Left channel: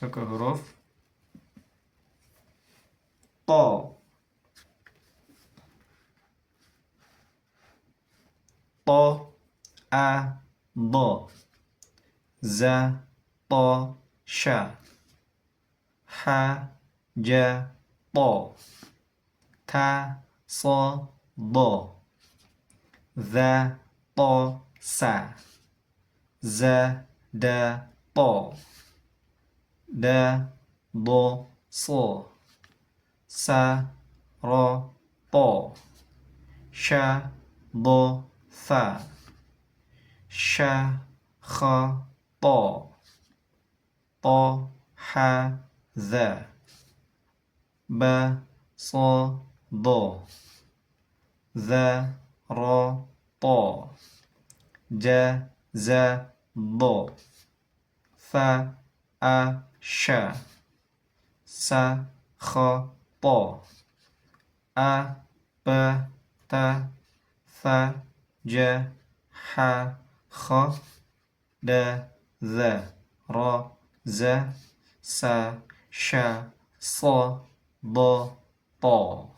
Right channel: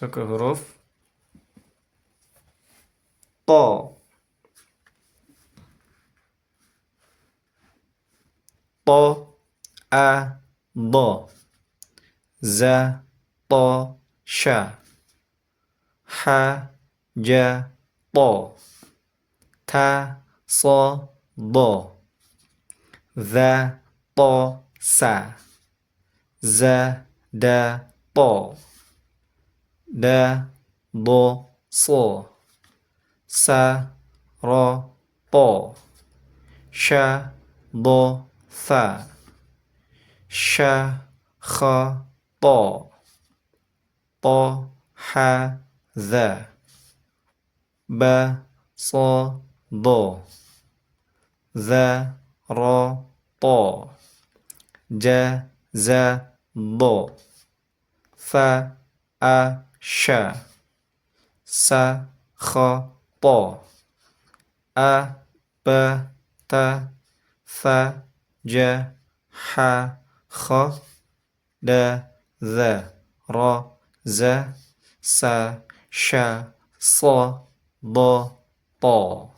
Masuk ke huruf to. To, a, do. Za, to, sha. Ha, ja, to. Ta, so, do. Za, to, sa. Za, da, to. Da, do, so. Sa, ro, to. Sha, do, tha. Sha, kha, to. To, ha, dha. Ba, so, do. Za, ro, to. Ja, za, do. Fa, a, sha. Sa, kha, to. A, ba, ta. Fa, ja, ha, kha. Da, za, ra, za. Sa, sha, so, do, to.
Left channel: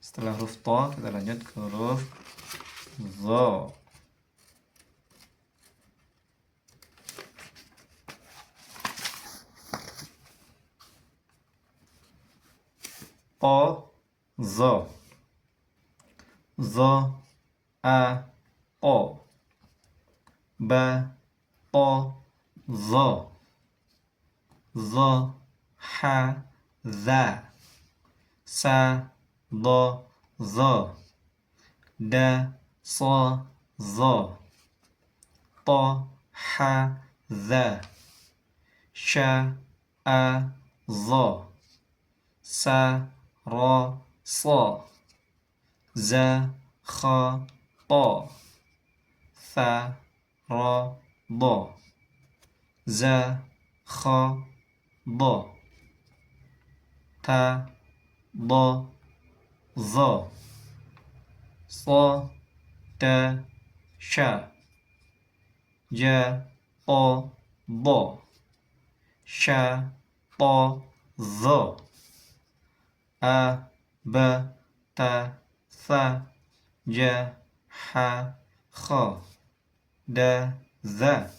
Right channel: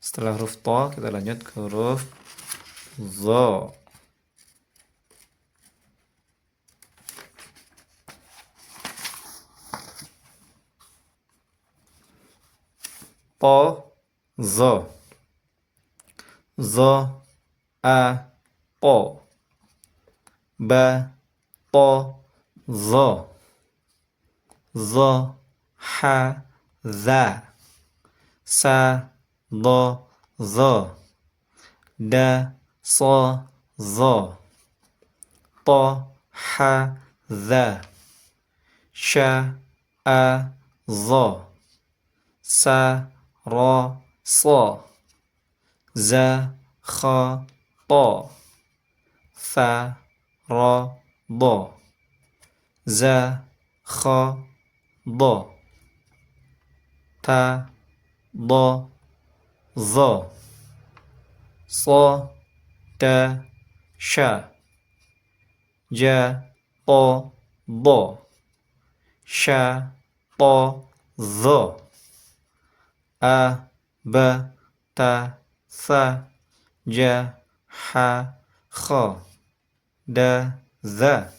Setelah huruf to, kita lanjut ke huruf zo. To, zo. Zo, a, to. Ba, to, zo. Zo, ha, za. Sa, do, zo. Da, so, zo. To, ha, za. Sha, a, zo. Sa, ro, so. Za, kha, to. Fa, ro, do. Za, kha, do. Ta, do, zo. So, da, sha. Ja, to, do. Sha, to, zo. A, ba, ta, sa. Ja, ha, kha. Da, za.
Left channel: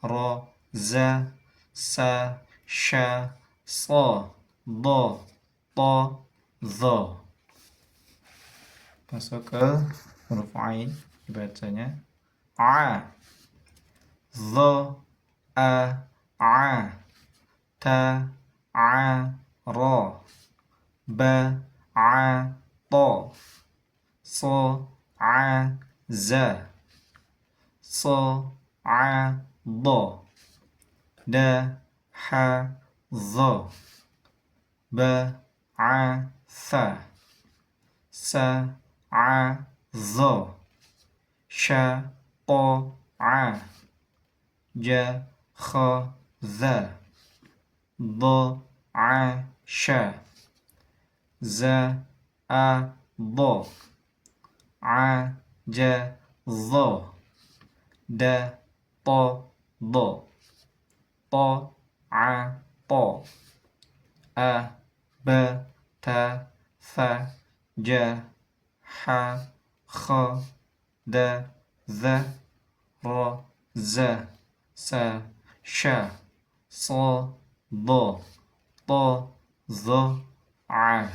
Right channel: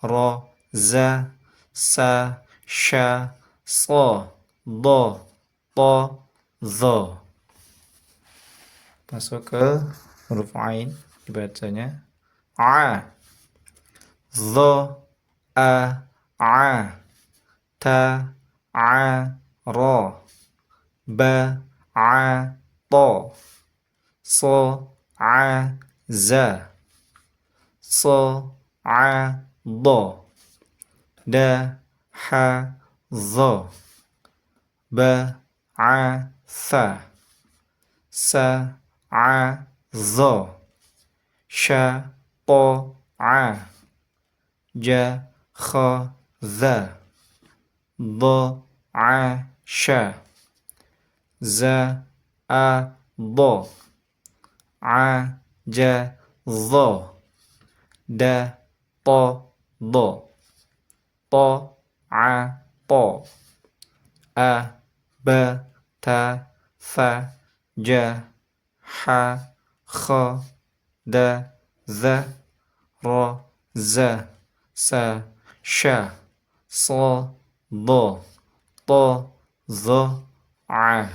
Ra, za. Sa, sha, so. Do, to, zo. Masuk ke huruf ain, dibacanya a. Zo, a, a. Ta, a, ro. Ba, a, to. So, a, za. So, a, do. Da, ha, zo. Ba, a, sa. Sa, a, zo. Sha, to, a. Ja, kha, za. Do, a, sha. Za, a, do. A, ja, zo. Da, to, do. To, a, to. A, ba, ta, fa. Ja, ha, kha. Da, za. Ra, za. Sa, sha. So, do. To, zo, a.